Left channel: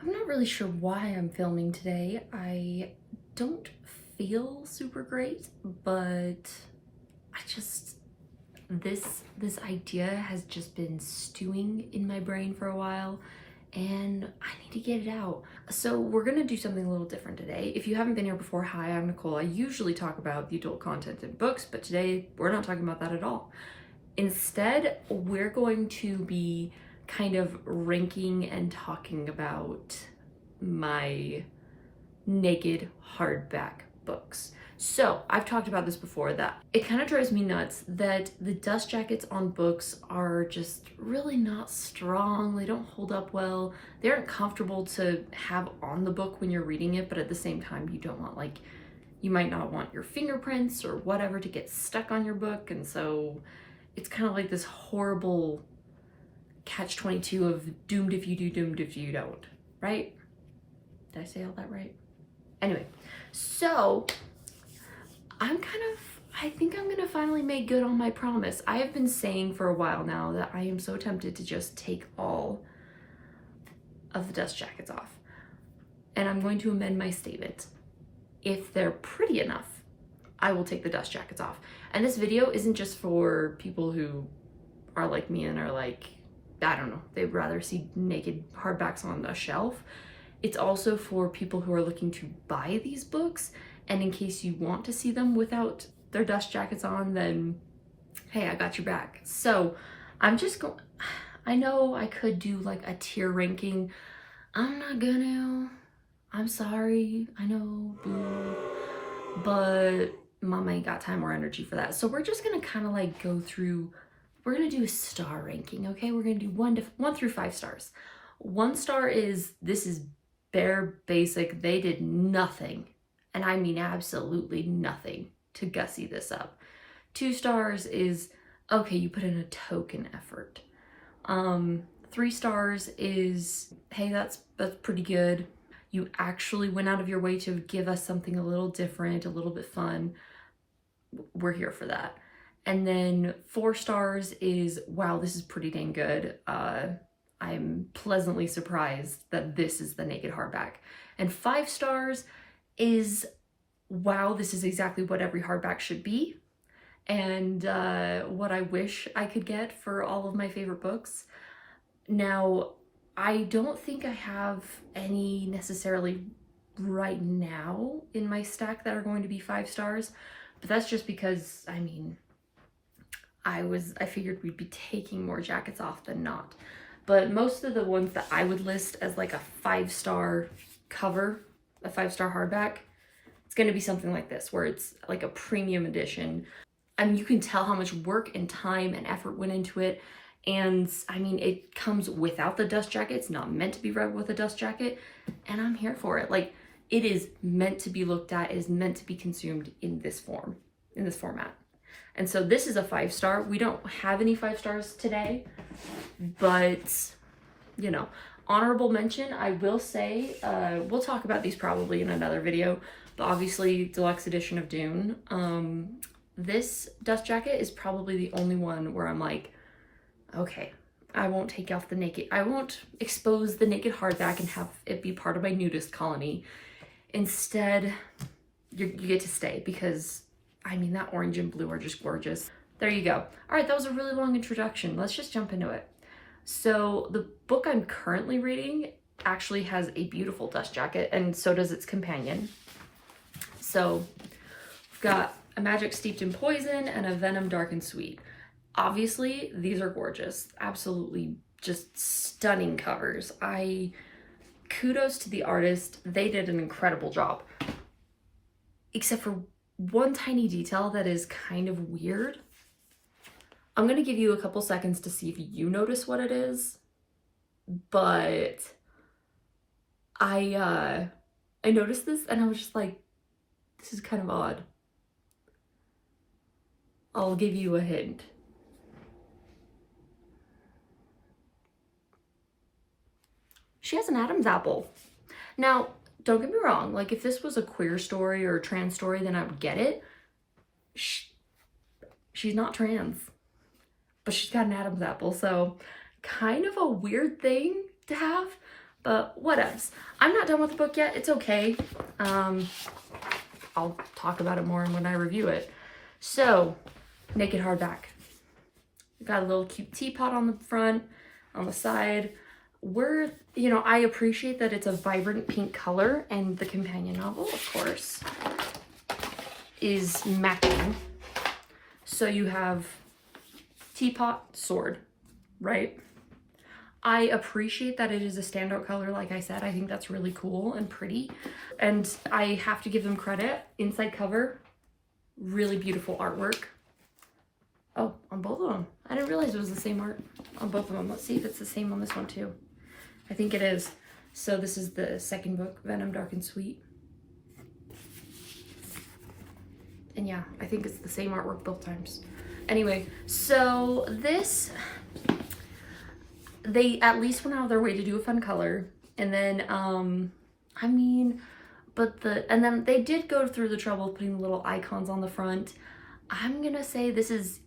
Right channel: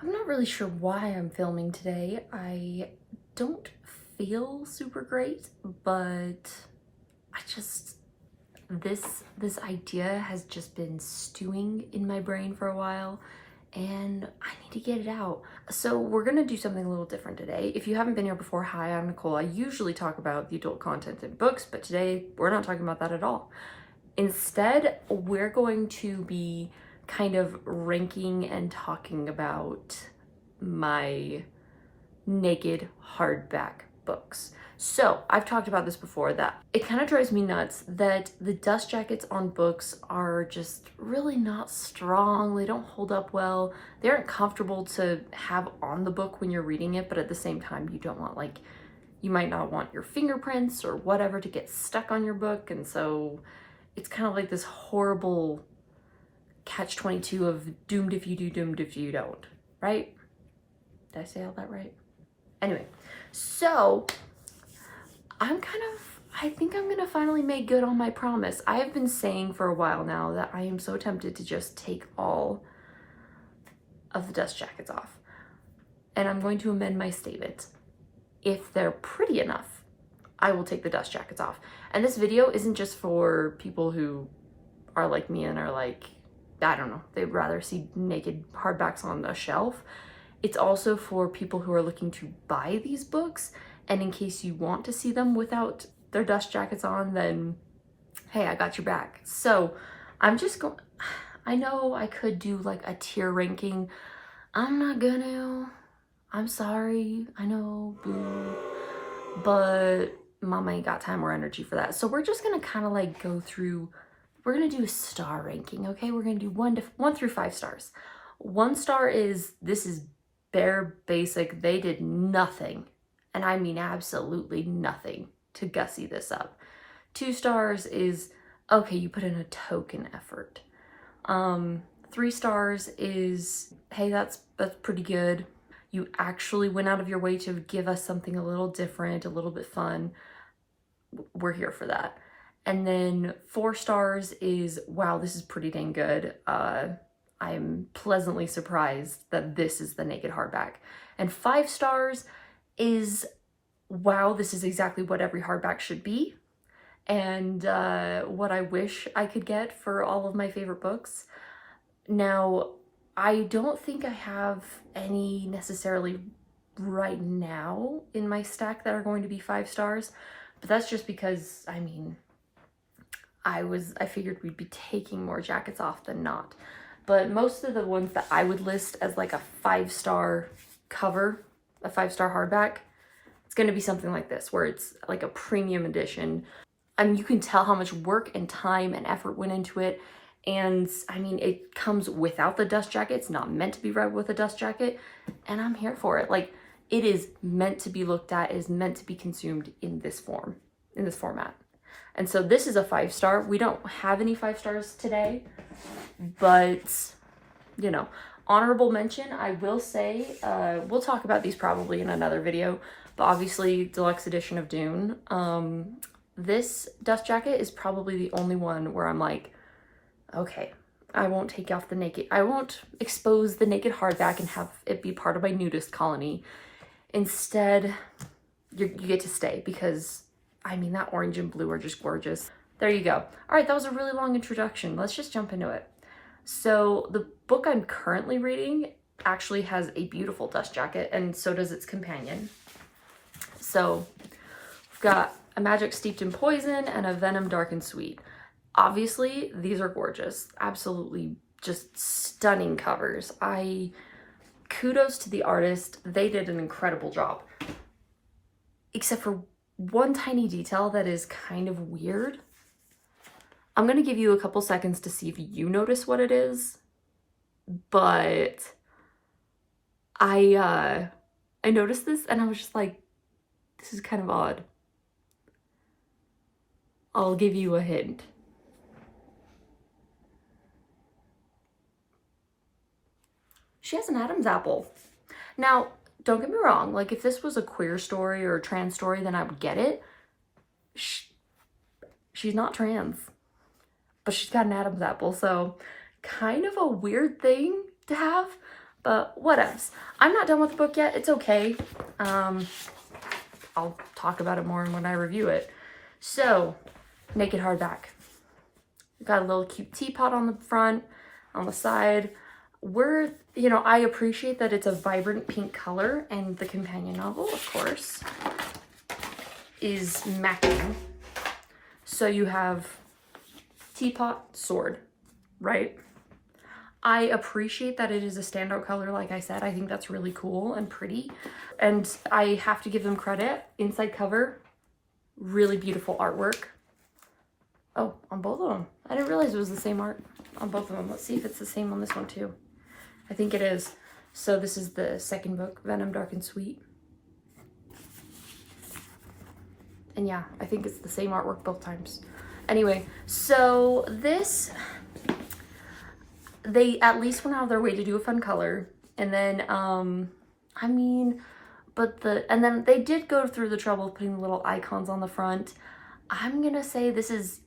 I'm not really sure why I'm filming today. I don't feel super great, but I just this idea has just been stewing in my brain for a while and I need to get it out. So we're gonna do something a little different today. If you haven't been here before, hi, I'm Nicole. I usually talk about the adult content in books, but today we're not talking about that at all. Instead, we're going to be kind of ranking and talking about my naked hardback books. So I've talked about this before, that it kind of drives me nuts that the dust jackets on books are just really not strong. They don't hold up well. They aren't comfortable to have on the book when you're reading it, but at the same time, you don't want, like, you might not want your fingerprints or whatever to get stuck on your book. And so it's kind of like this horrible catch-22 of doomed if you do, doomed if you don't, right? Did I say all that right? Anyway, so I think I'm gonna finally make good on my promise. I have been saying for a while now that I am so tempted to just take all of the dust jackets off. And I'm going to amend my statement. If they're pretty enough, I will take the dust jackets off. And this video isn't just for people who are like me and are like, I don't know, they'd rather see naked hardbacks on a shelf. It's also for people who are looking to buy these books, and in case you want to see them without their dust jackets on, then hey, I got your back. So I'm just going, I know I could do like a tier ranking. I'm not gonna, I'm sorry, I know, boo, but mama ain't got time or energy for that. So we're just gonna kind of like go through, we're gonna do a star ranking, okay? We're gonna do one through 5 stars. 1 star is, this is bare basic, they did nothing, and I mean absolutely nothing, to gussy this up. 2 stars is, okay, you put in a token effort. 3 stars is, hey, that's pretty good. You actually went out of your way to give us something a little different, a little bit fun. We're here for that. And then 4 stars is, wow, this is pretty dang good. I'm pleasantly surprised that this is the naked hardback. And 5 stars is, wow, this is exactly what every hardback should be, and what I wish I could get for all of my favorite books. Now, I don't think I have any necessarily right now in my stack that are going to be 5 stars, but that's just because, I mean, I figured we'd be taking more jackets off than not. But most of the ones that I would list as like a 5-star cover, a 5-star hardback, it's going to be something like this, where it's like a premium edition. I mean, you can tell how much work and time and effort went into it. And I mean, it comes without the dust jacket. It's not meant to be read with a dust jacket. And I'm here for it. Like, it is meant to be looked at. It is meant to be consumed in this form, in this format. And so this is a 5-star. We don't have any 5 stars today, but, you know, honorable mention, I will say, we'll talk about these probably in another video, but obviously deluxe edition of Dune. This dust jacket is probably the only one where I'm like, okay, I won't take off the naked, I won't expose the naked hardback and have it be part of my nudist colony. Instead, you get to stay, because I mean, that orange and blue are just gorgeous. There you go. All right, that was a really long introduction. Let's just jump into it. So the book I'm currently reading actually has a beautiful dust jacket, and so does its companion. So we've got a magic steeped in poison and a venom dark and sweet. Obviously, these are gorgeous. Absolutely just stunning covers. Kudos to the artist. They did an incredible job. Except for one tiny detail that is kind of weird. I'm gonna give you a couple seconds to see if you notice what it is, but I noticed this and I was just like, this is kind of odd. I'll give you a hint. She has an Adam's apple. Now, don't get me wrong, like, if this was a queer story or a trans story, then I would get it. She's not trans, but she's got an Adam's apple, so kind of a weird thing to have, but whatevs. I'm not done with the book yet. It's okay. I'll talk about it more when I review it. So, Naked Hardback. Got a little cute teapot on the front, on the side. I appreciate that it's a vibrant pink color, and the companion novel, of course, is matching. So you have teapot, sword, right? I appreciate that it is a standout color, like I said. I think that's really cool and pretty. And I have to give them credit. Inside cover, really beautiful artwork. Oh, on both of them. I didn't realize it was the same art on both of them. Let's see if it's the same on this one too. I think it is. So this is the second book, Venom, Dark and Sweet. And yeah, I think it's the same artwork both times. Anyway, so this, they at least went out of their way to do a fun color. And then, and then they did go through the trouble of putting little icons on the front. I'm gonna say this is,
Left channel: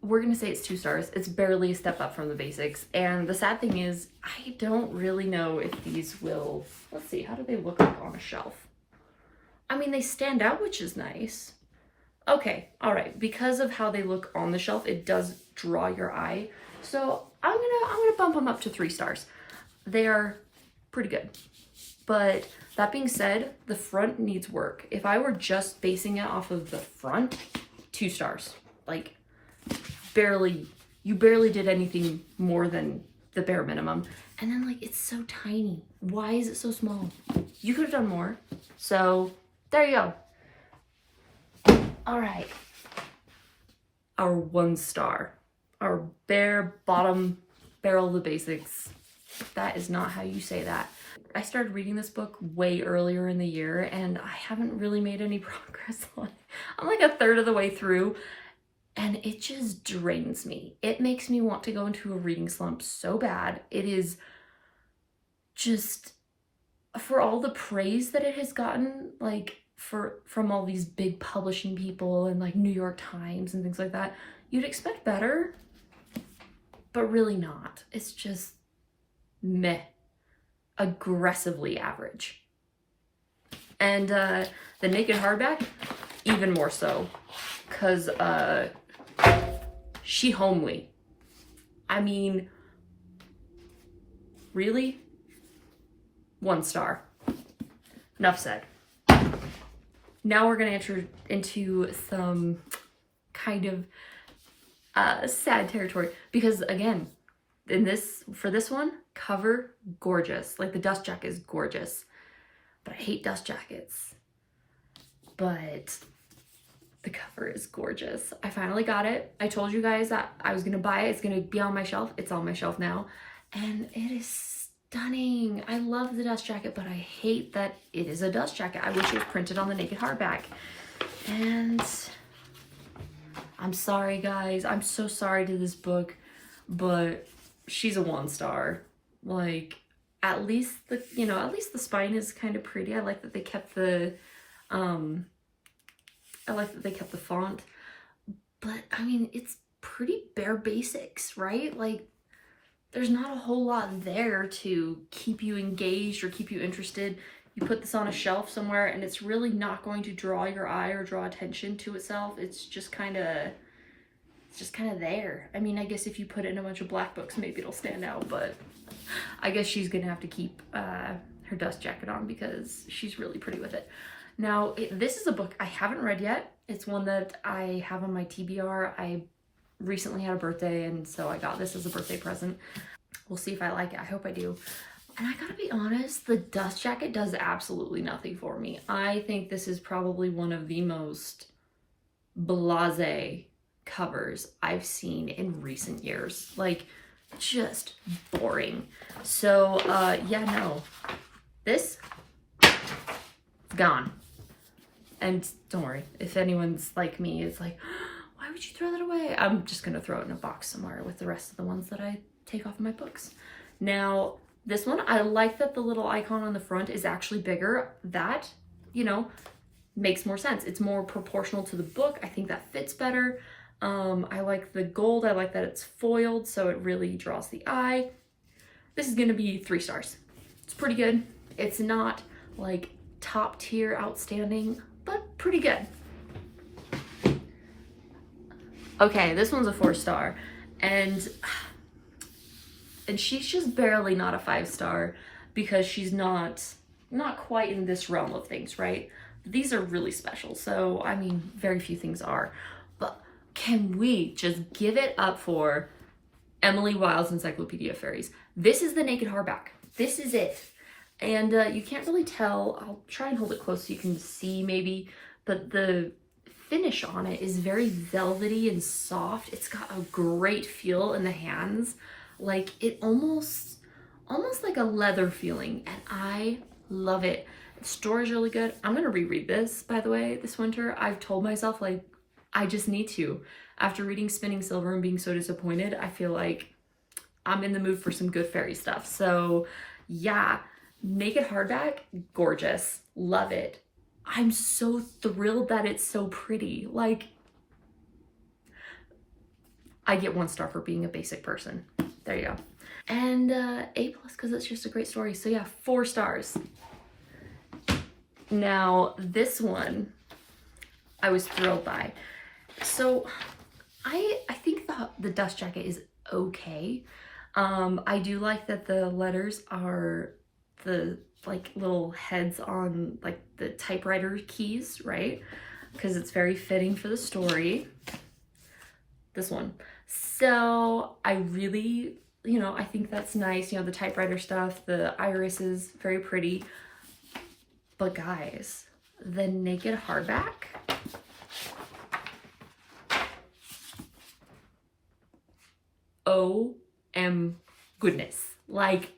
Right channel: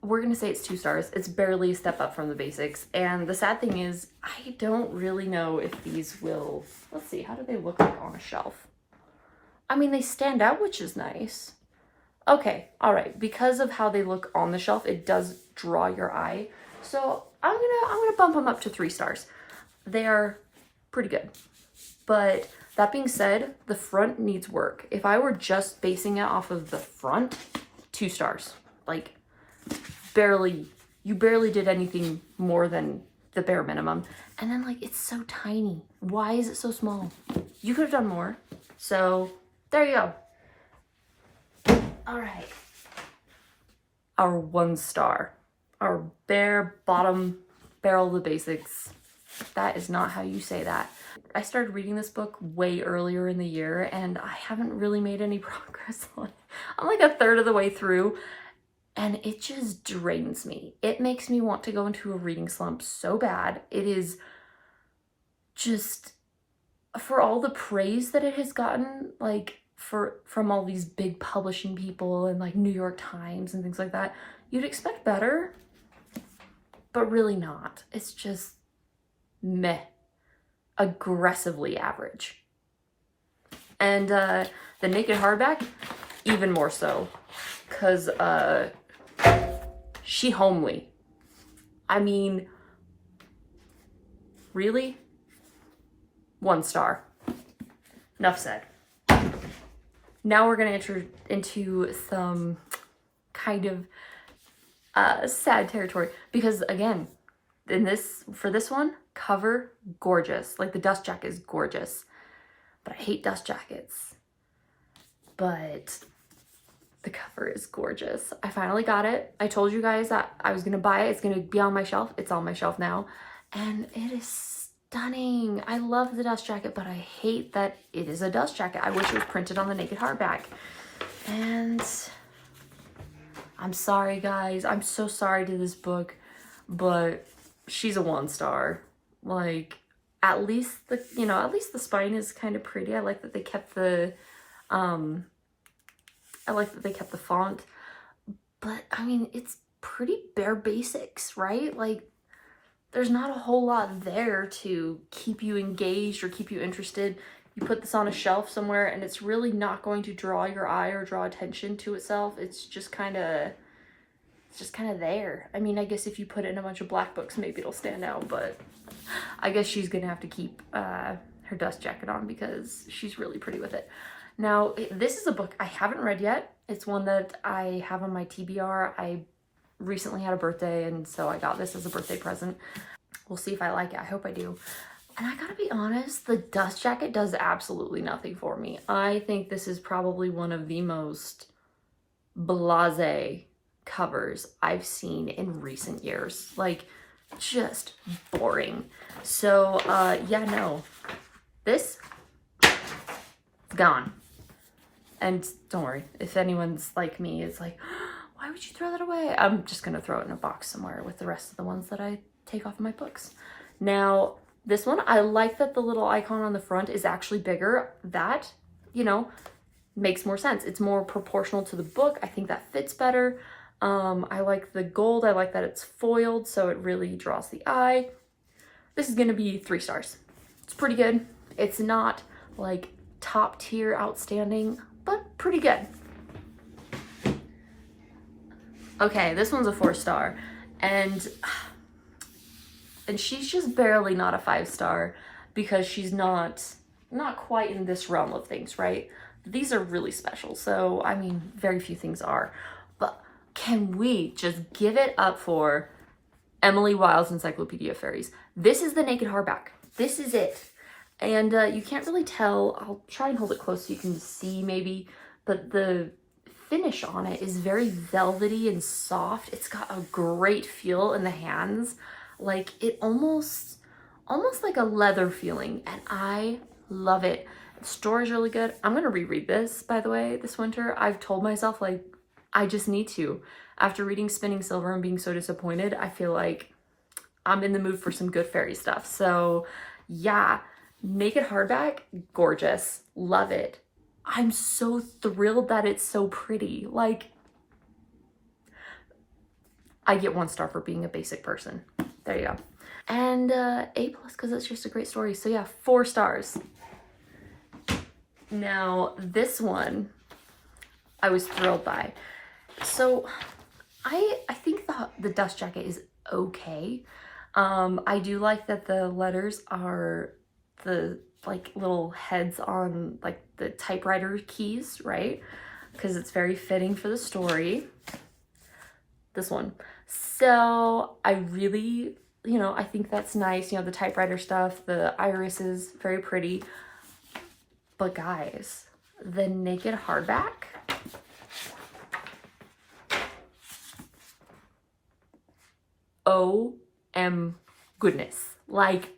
we're gonna say it's 2 stars. It's barely a step up from the basics. And the sad thing is, I don't really know if these will, let's see, how do they look like on a shelf? They stand out, which is nice. Okay, all right. Because of how they look on the shelf, it does draw your eye. So I'm gonna bump them up to 3 stars. They are pretty good. But that being said, the front needs work. If I were just basing it off of the front, 2 stars. Like, you barely did anything more than the bare minimum. And then, like, it's so tiny. Why is it so small? You could have done more. So there you go. All right. Our 1 star. Our bare bottom barrel of the basics. That is not how you say that. I started reading this book way earlier in the year, and I haven't really made any progress on it. I'm like a third of the way through, and it just drains me. It makes me want to go into a reading slump so bad. It is just, for all the praise that it has gotten, like from all these big publishing people and like New York Times and things like that, you'd expect better, but really not. It's just meh. Aggressively average. And the Naked Hardback, even more so, because she homely. Really? 1 star. Enough said. Now we're gonna enter into some kind of sad territory, because again, for this one, cover gorgeous. Like, the dust jacket is gorgeous, but I hate dust jackets. But the cover is gorgeous. I finally got it. I told you guys that I was gonna buy it. It's gonna be on my shelf. It's on my shelf now, and it is stunning. I love the dust jacket, but I hate that it is a dust jacket. I wish it was printed on the Naked Hardback. And I'm sorry, guys. I'm so sorry to this book, but she's a 1 star. Like, at least the spine is kind of pretty. I like that they kept the font, but it's pretty bare basics, right? Like, there's not a whole lot there to keep you engaged or keep you interested. You put this on a shelf somewhere and it's really not going to draw your eye or draw attention to itself. It's just kind of there. I guess if you put it in a bunch of black books, maybe it'll stand out, but I guess she's gonna have to keep her dust jacket on because she's really pretty with it. Now, this is a book I haven't read yet. It's one that I have on my TBR. I recently had a birthday, and so I got this as a birthday present. We'll see if I like it. I hope I do. And I gotta be honest, the dust jacket does absolutely nothing for me. I think this is probably one of the most blasé covers I've seen in recent years. Like, just boring. So yeah, no, this is gone. And don't worry, if anyone's like me, it's like, why would you throw that away? I'm just gonna throw it in a box somewhere with the rest of the ones that I take off my books. Now, this one, I like that the little icon on the front is actually bigger. That, makes more sense. It's more proportional to the book. I think that fits better. I like the gold. I like that it's foiled, so it really draws the eye. This is gonna be 3 stars. It's pretty good. It's not like top tier outstanding, but pretty good. Okay, this one's a 4-star, and she's just barely not a 5-star because she's not quite in this realm of things, right? These are really special, so I mean, very few things are. But can we just give it up for Emily Wilde's Encyclopedia of Fairies? This is the Naked Hardback. This is it. And you can't really tell. I'll try and hold it close so you can see maybe, but the finish on it is very velvety and soft. It's got a great feel in the hands. Like it almost like a leather feeling, and I love it. The story's really good. I'm gonna reread this, by the way, this winter. I've told myself, like, I just need to. After reading Spinning Silver and being so disappointed, I feel like I'm in the mood for some good fairy stuff. So yeah, Naked Hardback, gorgeous, love it. I'm so thrilled that it's so pretty. Like, I get 1 star for being a basic person. There you go. And A+ because it's just a great story. So yeah, 4 stars. Now this one I was thrilled by. So I think the dust jacket is okay. I do like that the letters are the like little heads on like the typewriter keys, right? Because it's very fitting for the story. This one. So I really, you know, I think that's nice. You know, the typewriter stuff, the iris is very pretty. But guys, the Naked Hardback, OM goodness. Like,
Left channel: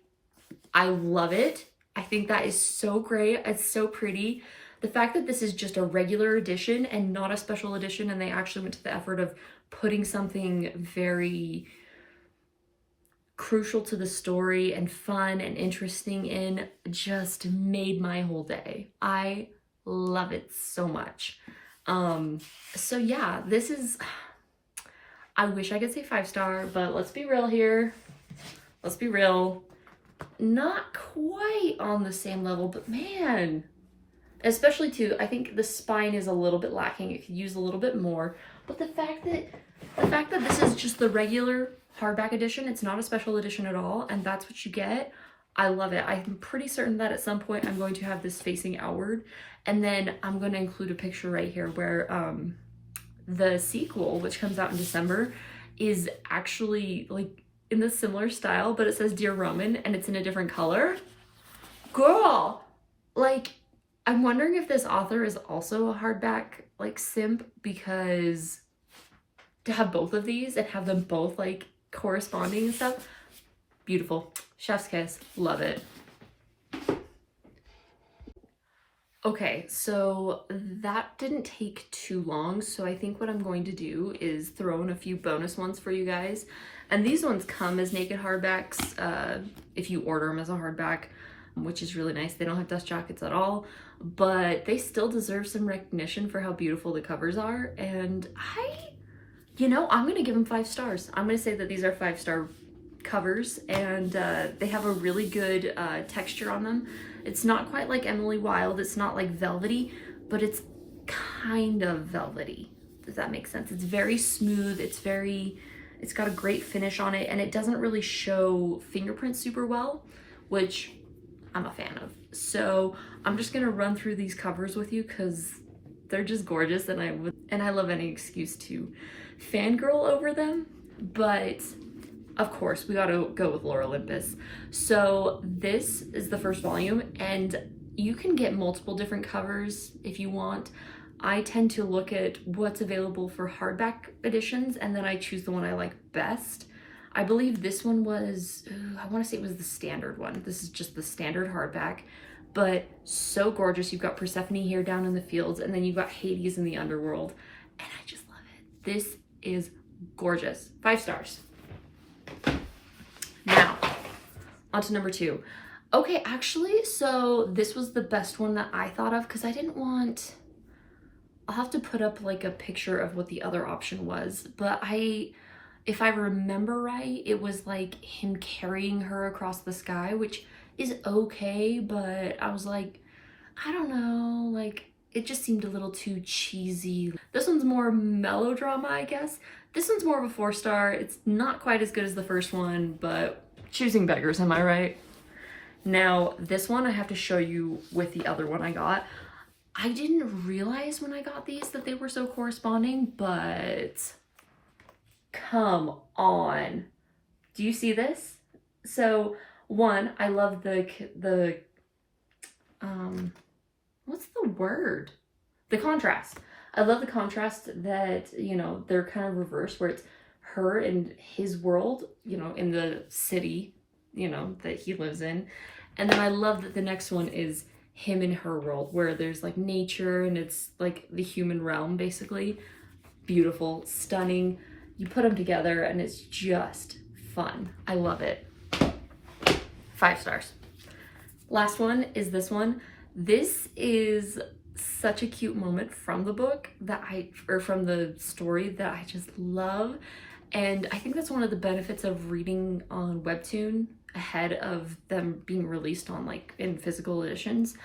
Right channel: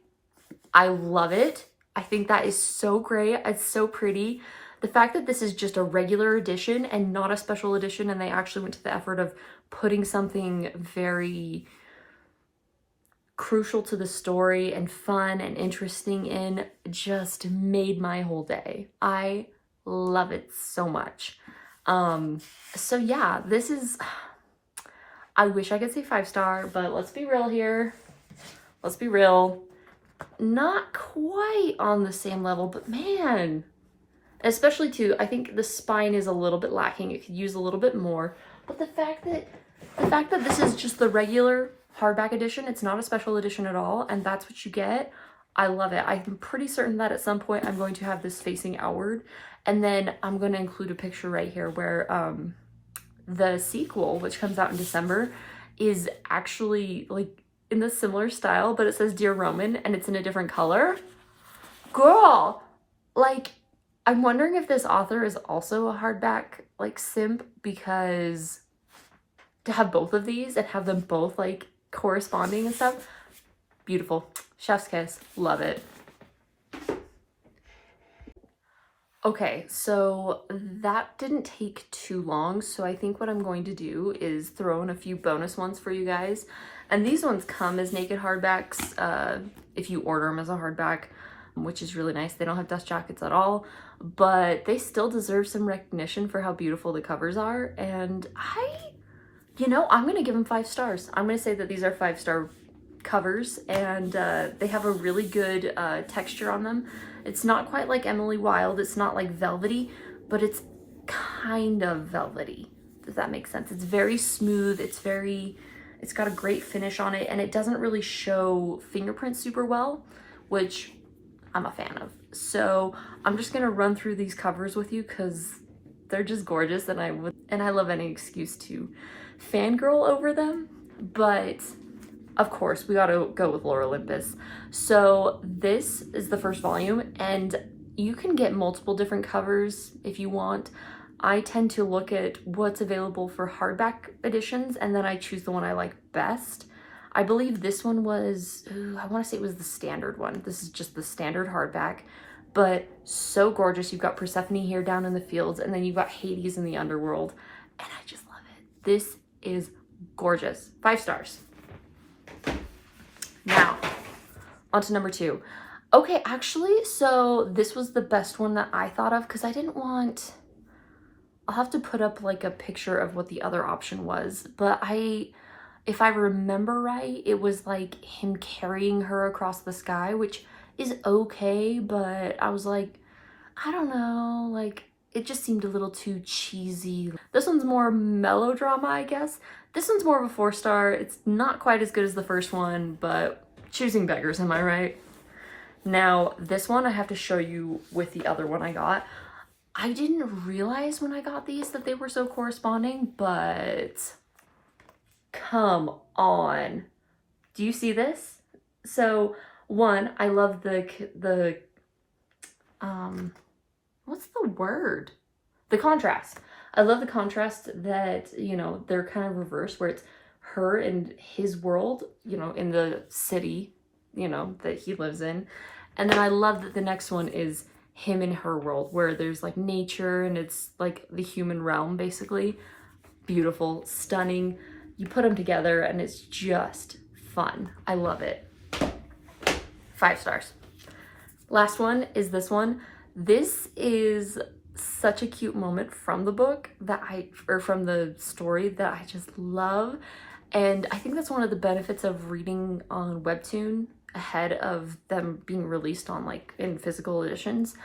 I love it. I think that is so great. It's so pretty. The fact that this is just a regular edition and not a special edition, and they actually went to the effort of putting something very crucial to the story and fun and interesting in, just made my whole day. I love it so much. So yeah, this is, I wish I could say 5-star, but let's be real here. Let's be real. Not quite on the same level, but man, especially too, I think the spine is a little bit lacking. It could use a little bit more, but the fact that this is just the regular hardback edition, it's not a special edition at all, and that's what you get. I love it. I'm pretty certain that at some point I'm going to have this facing outward, and then I'm going to include a picture right here where the sequel, which comes out in December, is actually like in the similar style, but it says Dear Roman and it's in a different color. Girl, like, I'm wondering if this author is also a hardback like simp, because to have both of these and have them both like corresponding and stuff, beautiful. Chef's kiss. Love it. Okay, so that didn't take too long, so I think what I'm going to do is throw in a few bonus ones for you guys. And these ones come as naked hardbacks if you order them as a hardback, which is really nice. They don't have dust jackets at all, but they still deserve some recognition for how beautiful the covers are. And I'm gonna give them 5 stars. I'm gonna say that these are 5-star covers, and they have a really good texture on them. It's not quite like Emily Wilde. It's not like velvety, but it's kind of velvety, if that makes sense. It's very smooth. It's got a great finish on it, and it doesn't really show fingerprints super well, which I'm a fan of. So I'm just gonna run through these covers with you because they're just gorgeous, and I love any excuse to fangirl over them. But of course, we gotta go with Lore Olympus. So this is the first volume, and you can get multiple different covers if you want. I tend to look at what's available for hardback editions, and then I choose the one I like best. I believe this one was, I wanna say it was the standard one. This is just the standard hardback, but so gorgeous. You've got Persephone here down in the fields, and then you've got Hades in the underworld, and I just love it. This is gorgeous. 5 stars. Now, on to number 2. Okay, actually, so this was the best one that I thought of because I didn't want I'll have to put up like a picture of what the other option was, but if I remember right, it was like him carrying her across the sky, which is okay, but I was like, I don't know, like it just seemed a little too cheesy. This one's more melodrama, I guess. This one's more of a 4-star. It's not quite as good as the first one, but choosing beggars, am I right? Now, this one I have to show you with the other one I got. I didn't realize when I got these that they were so corresponding, but come on. Do you see this? So, one, I love the what's the word? The contrast. I love the contrast that, you know, they're kind of reversed, where it's her and his world, you know, in the city, you know, that he lives in. And then I love that the next one is him in her world, where there's like nature and it's like the human realm, basically. Beautiful, stunning. You put them together and it's just fun. I love it. 5 stars. Last one is this one. This is such a cute moment from the book that from the story that I just love. And I think that's one of the benefits of reading on Webtoon ahead of them being released on like in physical editions,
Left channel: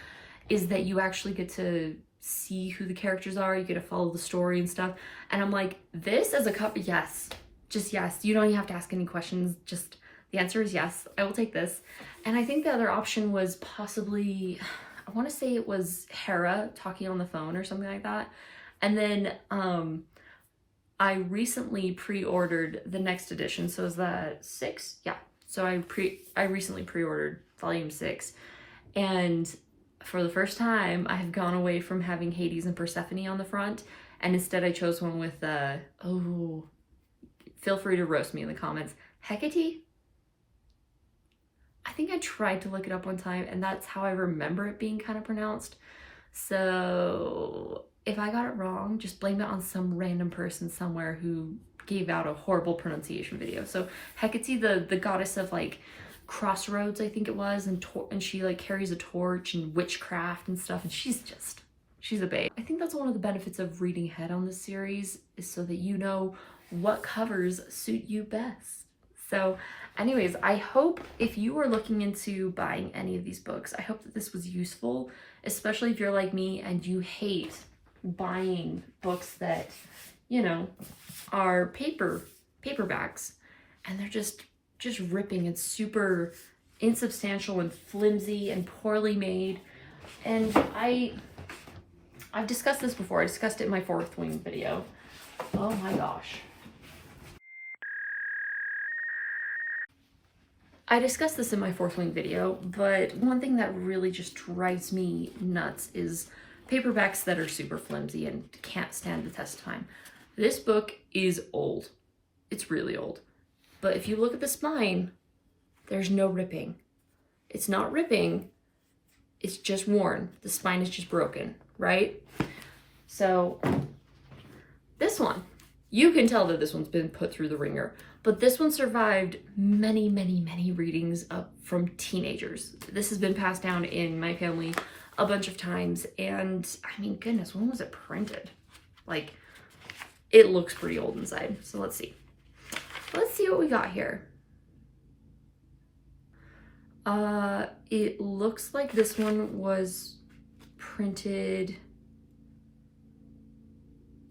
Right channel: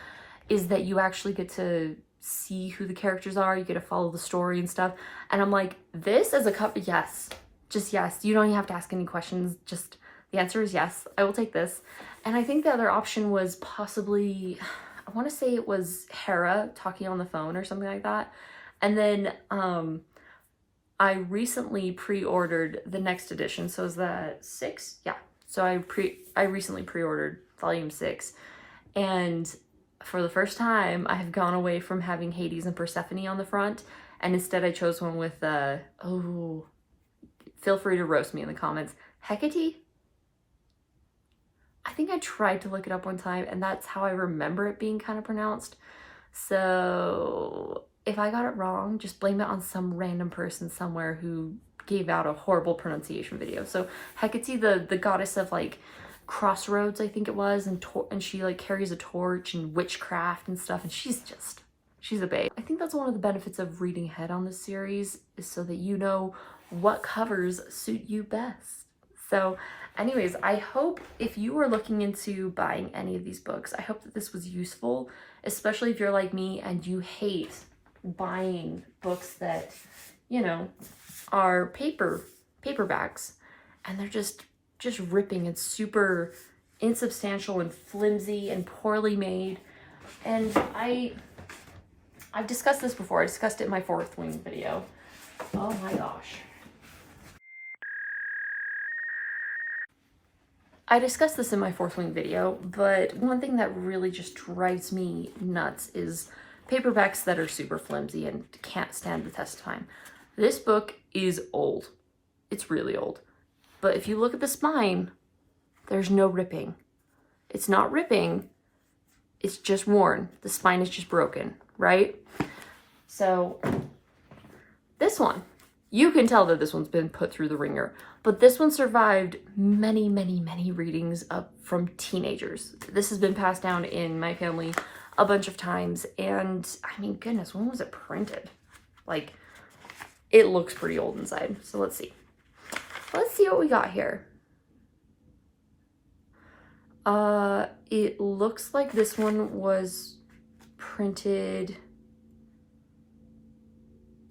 is that you actually get to see who the characters are, you get to follow the story and stuff. And I'm like, this as a cover, yes, just yes. You don't even have to ask any questions, just the answer is yes, I will take this. And I think the other option was possibly, I want to say it was Hera talking on the phone or something like that. And then I recently pre-ordered the next edition. So is that 6? Yeah. So I recently pre-ordered volume 6. And for the first time, I have gone away from having Hades and Persephone on the front. And instead I chose one with, oh, feel free to roast me in the comments. Hecate? I think I tried to look it up one time and that's how I remember it being kind of pronounced. So if I got it wrong, just blame it on some random person somewhere who gave out a horrible pronunciation video. So Hecate, the goddess of like crossroads, I think it was, and she like carries a torch and witchcraft and stuff, and she's a babe. I think that's one of the benefits of reading ahead on this series, is so that you know what covers suit you best. So anyways, I hope if you are looking into buying any of these books, I hope that this was useful, especially if you're like me and you hate buying books that, you know, are paperbacks and they're just ripping and super insubstantial and flimsy and poorly made. And I've discussed this before. I discussed it in my 4th Wing video. Oh my gosh. I discussed this in my 4th Wing video, but one thing that really just drives me nuts is paperbacks that are super flimsy and can't stand the test of time. This book is old. It's really old. But if you look at the spine, there's no ripping. It's not ripping, it's just worn. The spine is just broken, right? So this one, you can tell that this one's been put through the ringer. But this one survived many, many, many readings from teenagers. This has been passed down in my family a bunch of times. And I mean, goodness, when was it printed? Like, it looks pretty old inside. So let's see. Let's see what we got here. It looks like this one was printed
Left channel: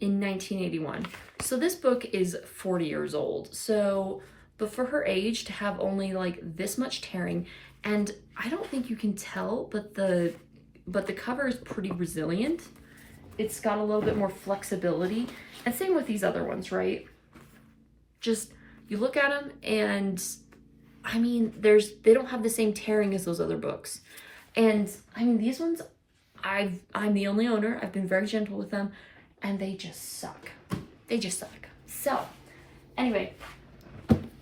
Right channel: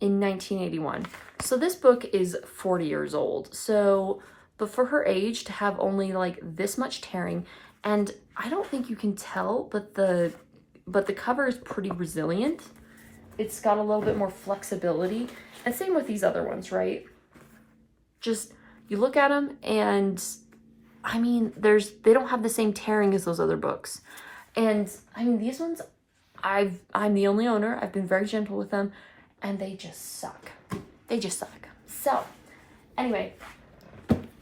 in 1981. So this book is 40 years old. So, but for her age to have only like this much tearing, and I don't think you can tell, but the cover is pretty resilient. It's got a little bit more flexibility, and same with these other ones, right? Just, you look at them and I mean, they don't have the same tearing as those other books. And I mean, these ones, I'm the only owner. I've been very gentle with them and they just suck. They just suck. So anyway,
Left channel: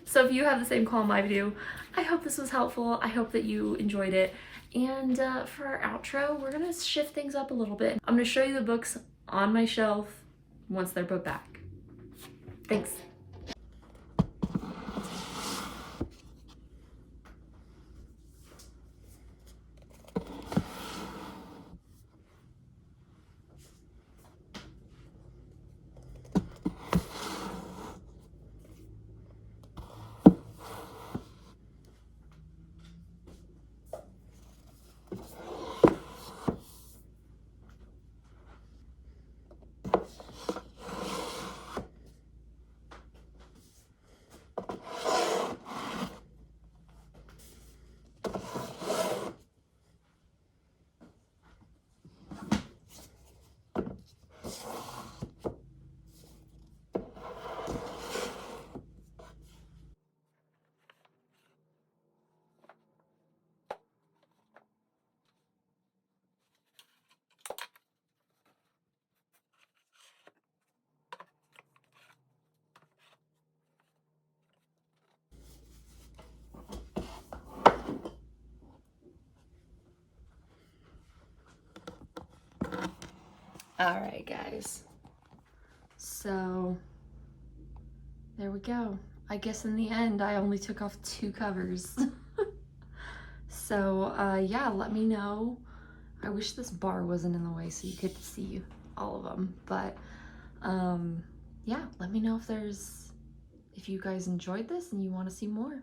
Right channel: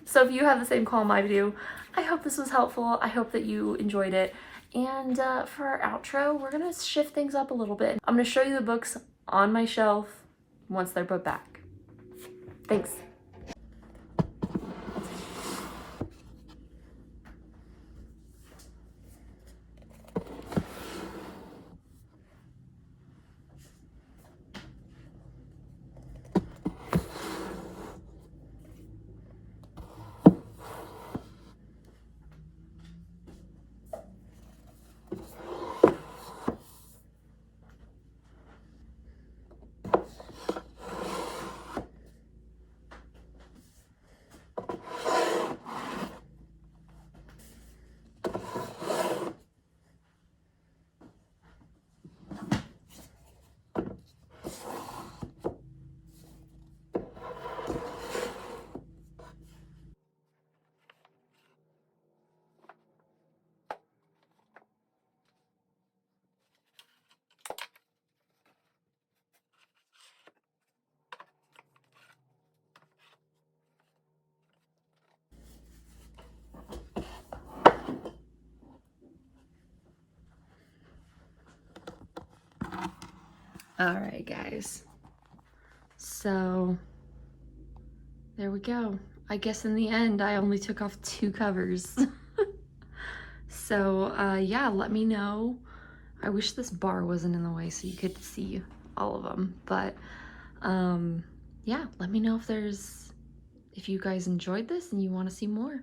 so if you have the same call I do, I hope this was helpful. I hope that you enjoyed it. And for our outro, we're gonna shift things up a little bit. I'm gonna show you the books on my shelf once they're put back. Thanks. right, guys. So there we go. I guess in the end, I only took off 2 covers. So yeah, let me know. I wish this bar wasn't in the way so you could see all of them. But yeah, let me know if you guys enjoyed this and you want to see more.